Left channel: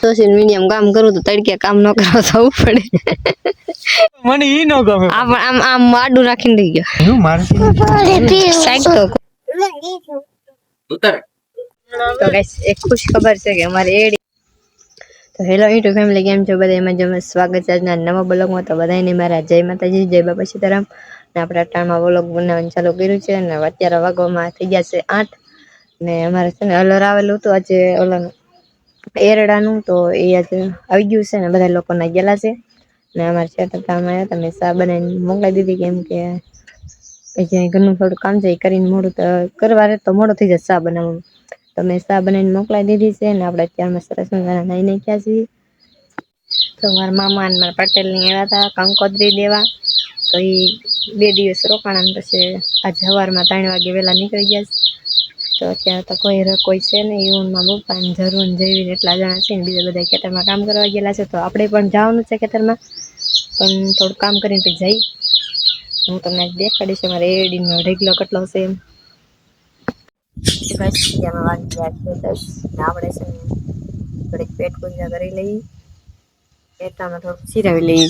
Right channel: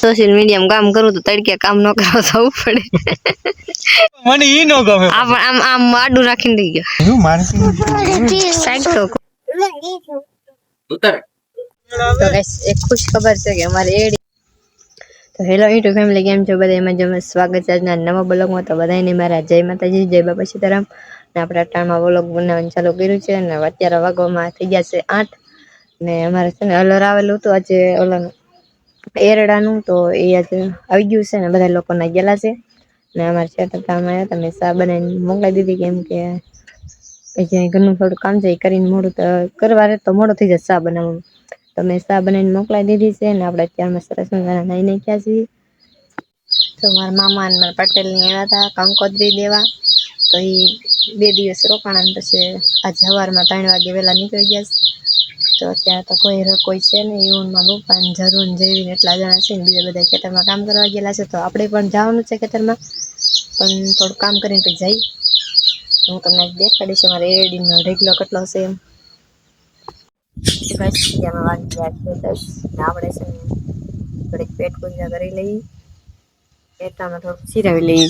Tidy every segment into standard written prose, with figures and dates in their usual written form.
Social media કામ કરું તો તડકે કામ ન કરવા જવું પડે. મને ઈ નો ગમે. આમ આમ આડું રાખીને દઈ ગયો. હું મારસી સાઈડ તો ઉતર. તો ગાઈસ એક ખુશ ખબર છે કે અમારે એડી. તો હેલો યુટ્યુબ ફેમિલી, કેમ છો બધા? એમાં જો સ્વાગત છે આજના નવા બ્લોગમાં. તો બધાને મારા જય માતાજી, જય બાપા સીતારામ. ને આપણે ટાણમાં વ્લોગ બનાવવાનું ચાલુ કર્યું છે ને અત્યારે વાગવામાં થઈ ગયા છે 8 ને અમારે છે ને અલર આવેલું હતું આજે ઓલાનું એરડાનું, તો એ આજે આવી ગયું છે ને બધા લોકોના ગયેલા છે ને અમારે છે કામ આવ્યા તમે સા બનાવીને મોકલાવી દીધી, કેમ કે જ્યાં ઘરનું થોડું કામ છે એ કરીને મોડું તો કરવારે તો મોડું થઈ જાય સા બનાવવાનું. તો મેં સા બનાવીને મોકલાવી દીધી છે ને આપણે અત્યારમાં સરસ મજાના નાઈ નાખ્યા છીએ. તો મારા મામા અને મારા પટેલની આવ્યા હતા કંકોત્રી દેવા, તો એ 2 દિવસ રોકાણા પછી આજ સવારમાં 3 વાગે વહેલા નીકળી ગયા. તો અત્યારે તો કોઈ છે નહીં, એવું મારા પપ્પા ને જરૂર જેવીને એટલા જણા છે ને બીજા બધા ખેતરમાં કામ કરવા ગયેલા છે. તો આપણે પણ જવાનું છે ખેતરમાં, પણ થોડું કામ કરીને પછી જઈ. હું તમને દેખાડીશ મારે એડીનો ઢેગલો કેટલો છે એમ. આપણે છે ને થોડીક પેટ પૂજા કરી લઈએ, એટલામાં થોડુંક સિરાવી લઈએ.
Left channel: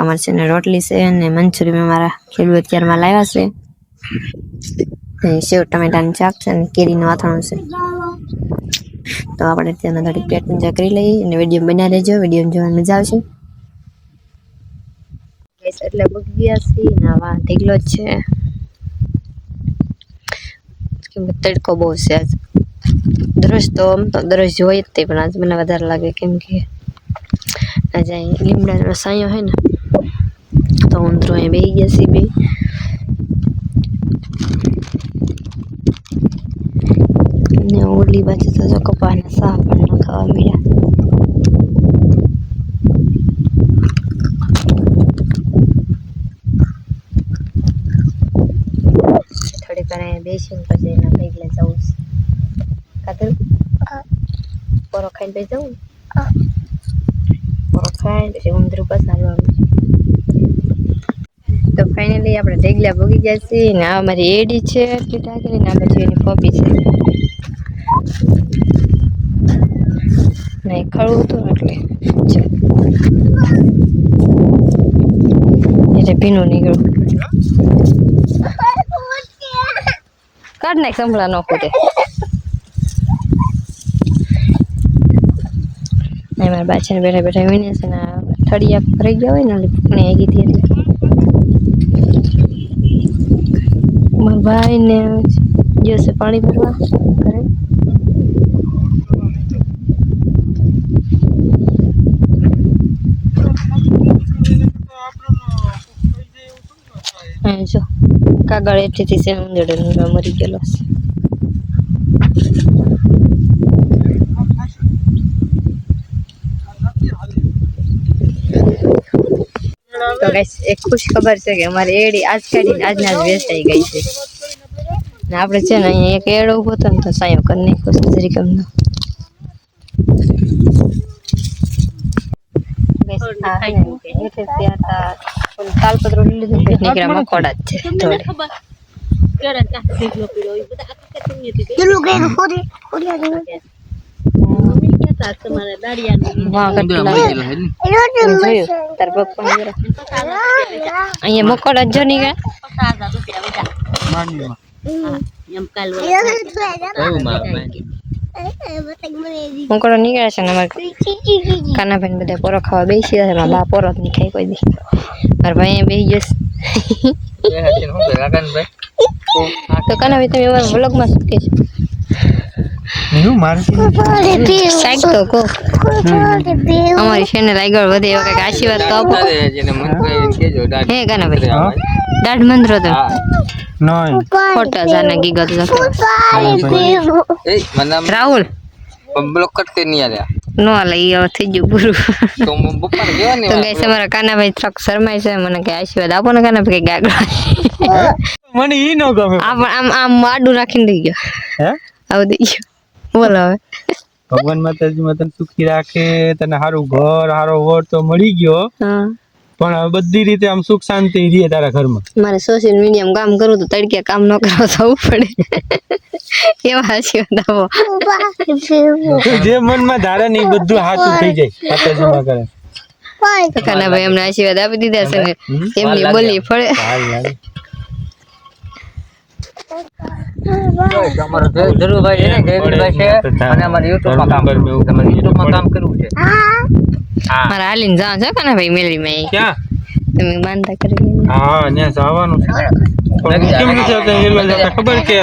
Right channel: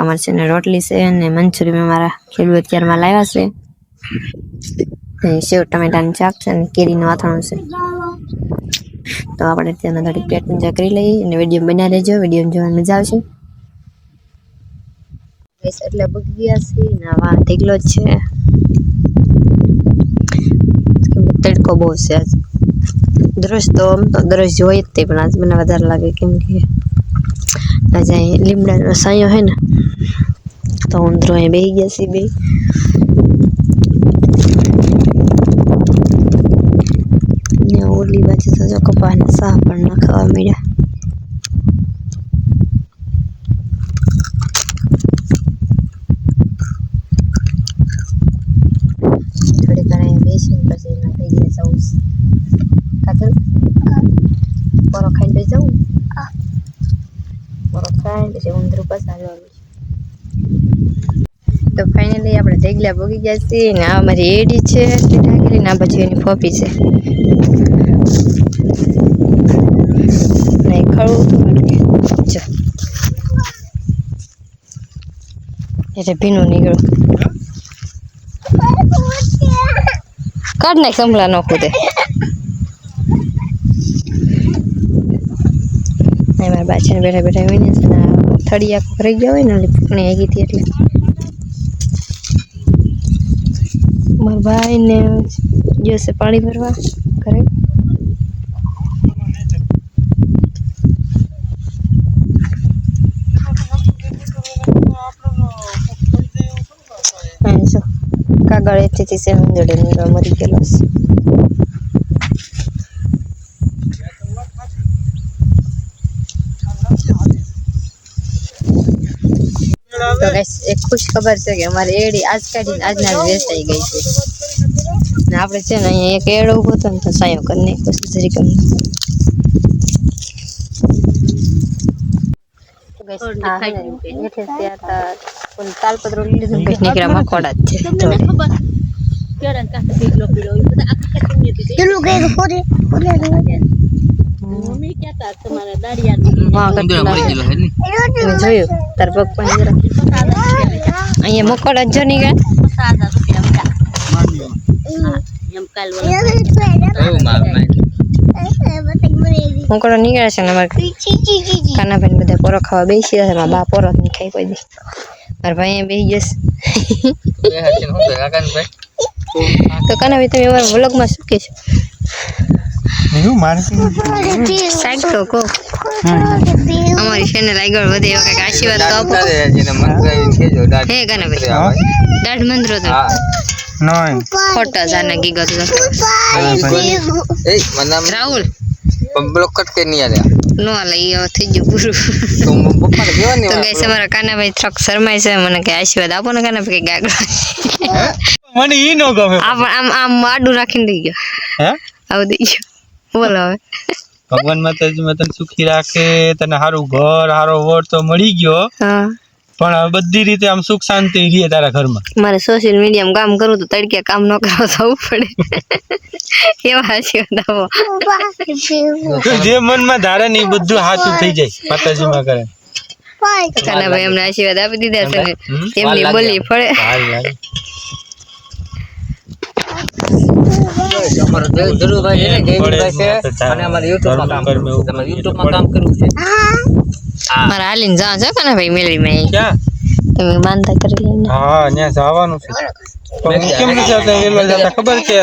અમારે છે ને રોટલી છે અને મંચુરિયન મારા ખેડૂત અત્યારમાં લાવ્યા છે, સેવ ટમેટાનું શાક છે અને કેરીનું અથાણું છે. તો આપણે અત્યારમાં થોડીક પેટ પૂજા કરી લઈએ અને વિડીયો બનાવી લેજો, વિડીયો જોવાની મજા આવશે. એટલે બગી ગયા છીએ ને આવા ઢીકલો જ છે, તડકો બહુ છે આજ. દરરોજ તો આમ તો દરરોજ હોય જ તે, પણ આજ મને વધારે લાગે કેમ કે આજે લીમડાનો સાયો હે ને, તો ઉંદરો અહીં બેસી ગયા છે બે. ને ઓલી બાજુ તો જો કપાસના સાહ પણ ના ખાવા મળ્યા. થોડીક વાર બેસીને પછી એના ભેગી જવું કાતર પોરો ખાઈને પછી જવું. પોરો ખાઈને પછી ઉંદરું પસારવાનું છે. તો ફાઇનલી આપણે ઢેગલા ભોગી ગયા છીએ ને આ અમારી એડી છે ટીટા કરીને, આ બાજુ એની ફોપી છે ને ખળવું હતું એટલે ભીનું નીકળ્યું. કાઢ નાખ સંભળા નો કૂદે. મારા બાછાને બેઠા બેઠા વિને છે ને થળિયા ભરાઈ ગયા હોય ને એટલે ફૂકણી આગી હતી એટલે મારા ભાઈ ને જશે પાણી ભરવા ઘરે. જો કાગળ એઠીથી છે ઉંદરડો નીકળવા મરી ગયેલો છે. તો ગાઈસ એક ખુશ ખબર છે કે અમારે એડી આજ કાઢીને આજના જ વેચાઈ ગઈ છે ને આપણે છે ને અહીંયા એક એડો ઉભો હતો ને તો સાયો કરી નાખ્યો છે જરીક અમને. તાલપત્રો લીધું પછી નીકળ્યા મકોડા જ છે થોડે. જોયું તાર પગ પણ અહીંયા મકોડા જ જો મકોડો નીકળે છે ને અમારે કાનાભાઈ બધા પોરો ખાવા બેસી જશે. મારા બા પોરો જ નહીં ખાઈ કોઈ દી. મારા ભાઈ બેસી જશે. તો કાનાભાઈ તમે અમારા વ્લોગમાં શું કહેશો? સાઈડ તો કહો, અમારી ચેનલ આગળ વધે એવો કંઈક આશીર્વાદ તો આપો. હે કાનાભાઈ દાઢ મંત્રો તો ખોટા જાના ગીગત રાહુલ બ્લોક કટ કે નહીં આલ્યા નો લઈ હવે થઈ ગયું પૂરું. તો ગાઈસ અમારા કાનાભાઈ થોડાક શરમાય છે, મને કે આશીર્વાદ આપો ને કાનાભાઈ કે ગાગડા. મને ઈ નો ગમે. આમ આમ આડું રાખીને દઈ ગયો. હે આવું દઈ ગયો. બોલો હવે. ભગવાન માતાજી તને સુખી રાખે, તને સારું ઘર સારો વર તો મળી ગયો. હા પણ હવે બધી રીતે આમ સુખ શાંતિ રહે તારા ઘરમાં. મારે સોશિયલ મીડિયામાં કામ કરવું તો તડકે કામ ન કરવા જવું પડે એવા આશીર્વાદ આપો. તું જે મનમાં ધારે ને એ બધું સાચું થઈ જાય માતાજીમાં કરે. કાના ભાઈ અમને આશીર્વાદ આપી દીધા છે ને એમની બોલી ફળે. હાલ હાલ. અમારો ધરુભાઈ છે ને જયવીરભાઈ છે અને અમારે યુટ્યુબમાં કામ કરવું છે. તમારે યુટ્યુબમાં કામ કરવું છે. મારે હાલીને જા છે કાના ભાઈ મેળવીમાં ક્યાં? તમે માનતા કરી લે. હા ત્યાં જવાનું છે પણ હું કેમ નથી આવતા વેલો જતા ખબર કે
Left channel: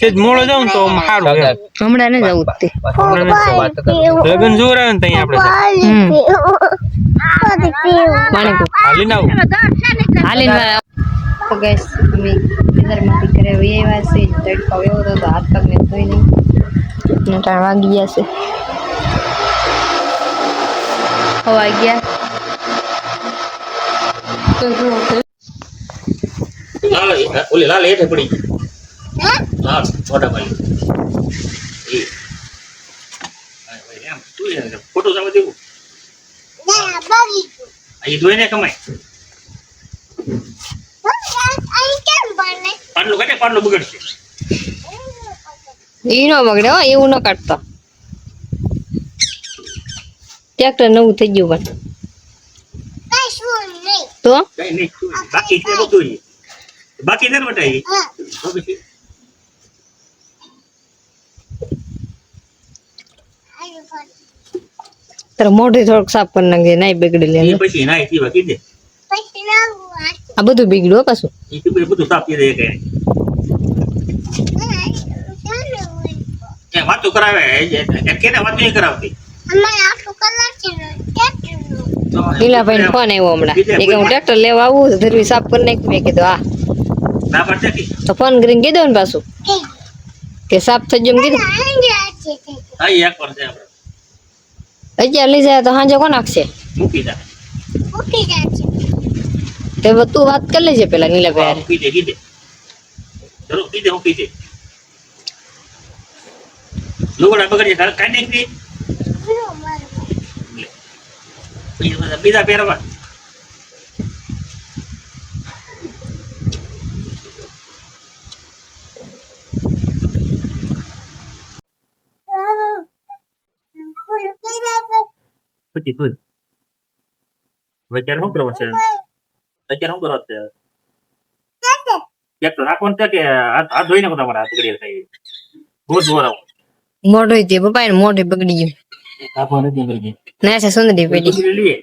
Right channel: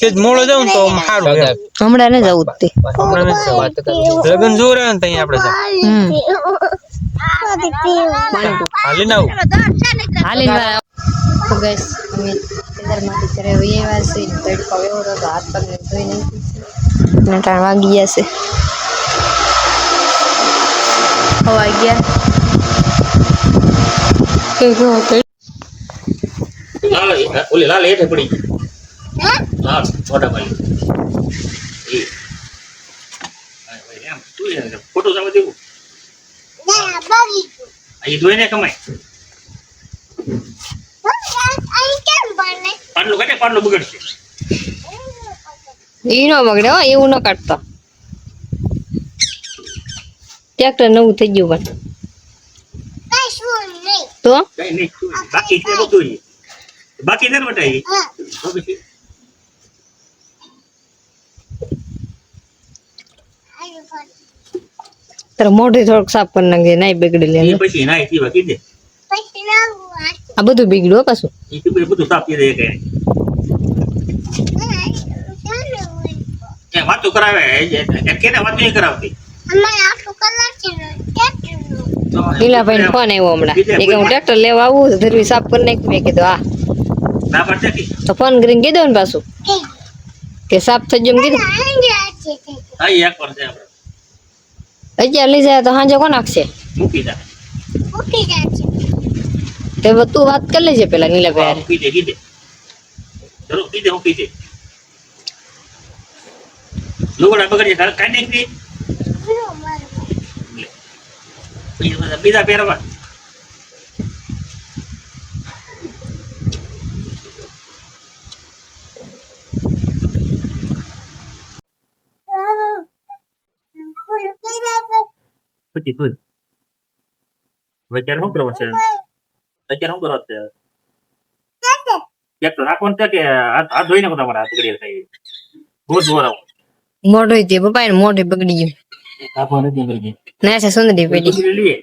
સેજ મોડો જાઉં ને તો આમ સારું એમ. હમણાં ને જવું જ તે હમણાં નથી જવું. લગન જોર આવે ને ત્યાં આપણે હાલીને આવું. હાલીને વાળા ગેસ અમે ખેતરમાંથી ઘરે વહી આવ્યા છે. તડકો એવો હતો તો હાથ પગને ધોઈ નહીં અને 3 વાગી ગયા છે. ખવાઈ ગયા લાલ હેઠે પડી લાલ મોટા ભાઈ ફોટો સામે દેવું અહીં ધોઈને કમાય પાટલું બગડશે. ઈ નો બગડે હો એવું ન કાઢતો. ટ્રેક્ટર નવું થઈ ગયું પણ તો કઈ નહીં બાકી છે બધું બાકી નથી બટાવી તારે મોઢે થોડુંક સાફ કરી નાખજે નાઈ બગડી લે. પછી ના પીવા કીધે આ બધું બગડ્યું પાછું. બધું સાફ કરી દે કઈ વાતો કરાવે કેને વાતો નહીં કરાવતી. લીલાભાઈ ને ફોન આવ્યો હમણાં એ કે હું ટ્રેક્ટર લેવા આવું ધરવી સાફ કરી નાખ. મેં કીધું હા ના પડતી તો ફોન કરીને કીધું ને પાછું કે સાફ થઈ ગયું કીધું. હા એક વાર છે આપણે અત્યારે લઈ જાય તો સાંજે કોણ નાખશે મૂકી દે તે તું વાત કરી લેજે પેલા નીલાભાઈ મૂકી દે કીધે જરૂર કીધે મૂકી દે લોગડા બગડી કાઢી નાખી બીજા પહેરવા પછી તું અત્યારે શું કરવા છે અત્યારે શું કરવા છે એક તો રાખવાનું છે કે આ ધોઈ નાખો તમારા હાથ ગળી થાય રોજ વરાવો મોઢું તે પપ્પા ને મોઢે બગડી ગયું. આપવા નથી ગળી ના છે સુંદરી પેટી લઈએ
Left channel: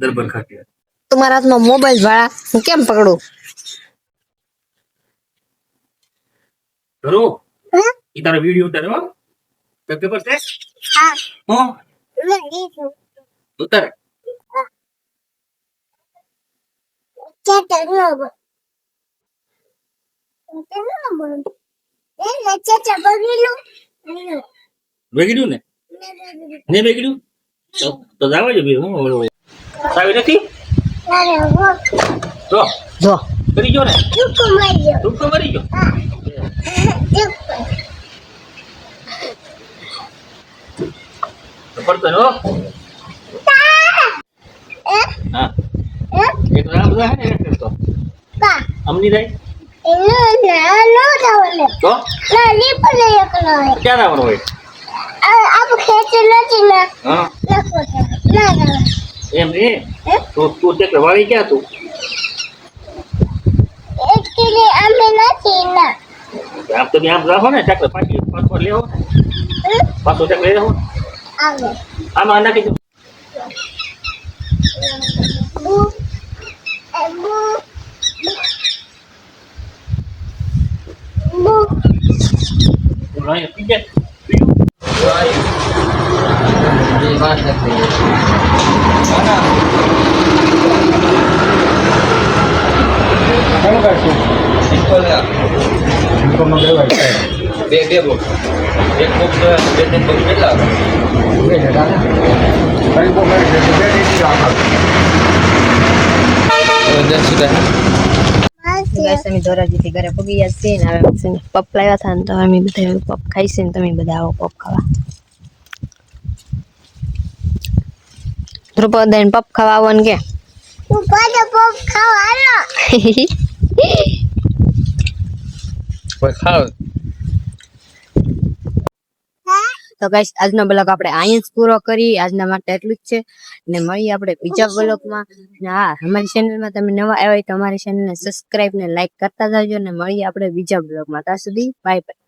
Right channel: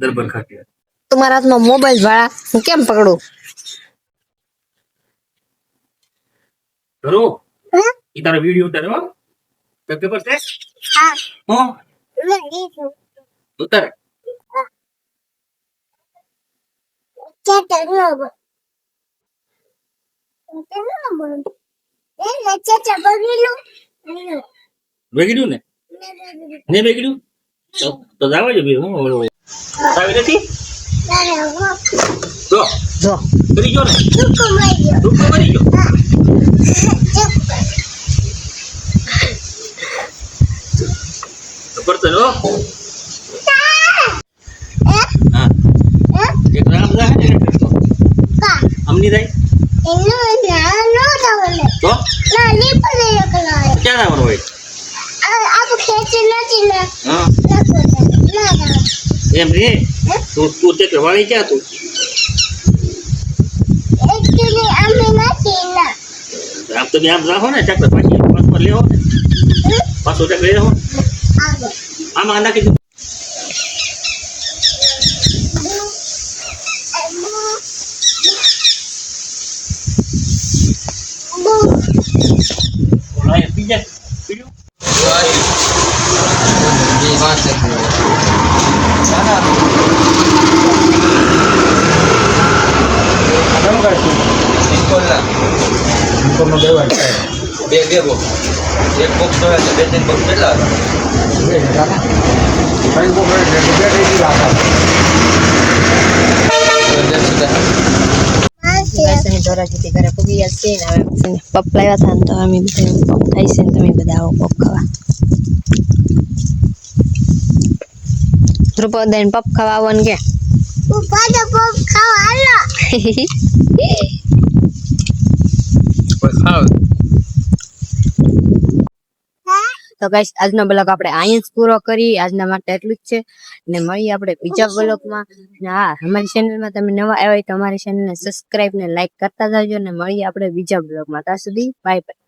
દરબાર ખાતે તમારા હાથમાં મોબાઈલ વાળા હું કેમ પકડું. ધરો ઈ તારો વિડિયો ઉતારે હો પેપર છે હા હો ઉતારે વેગડ્યું ને ને વેગડ્યું તો જાવા જો હું સાવી નથી તો જો કરી ગયો ને દુઃખ કરી ગયો તો પડતો હો હા એક રામ જા ને તો અમની રહી તો ક્યાં આવવાનું હોય એમ રે તું તે વાળી ક્યાં તું આમ તો આમ રાખો ને ચાકર પાછી પાછો લેવો પાછો ચાકર લેવો આમાં નાખી દઉં પીજા બે બોક્સ એક બોક્સ તો બે ત્રણ બોક્સ કેટલા હતા ધોરાજીથી ઘરે પગી ગયા છે ને પપ લાવ્યા હતા ને તો અમે બધા પપ ખાઈ છે ને તમે બધા આવો પપ ખાવા. ધ્રુપદાન પપ ખાવા આવવાનું કે કોઈ ખાવ તો ગાઈસ આજનો બ્લોગ આપણે અહીંયા જ પૂરો કરી. આજના માટે એટલું જ છે ને મળીએ આપણે બીજા બ્લોગમાં. ને હા, અમારી ચેનલમાં તમે નવા આવ્યા હોય તો અમારી ચેનલને સબસ્ક્રાઇબ ને લાઈક કરતા જાજો ને મળીએ આપણે બીજા બ્લોગમાં. ત્યાં સુધી બાય બાય.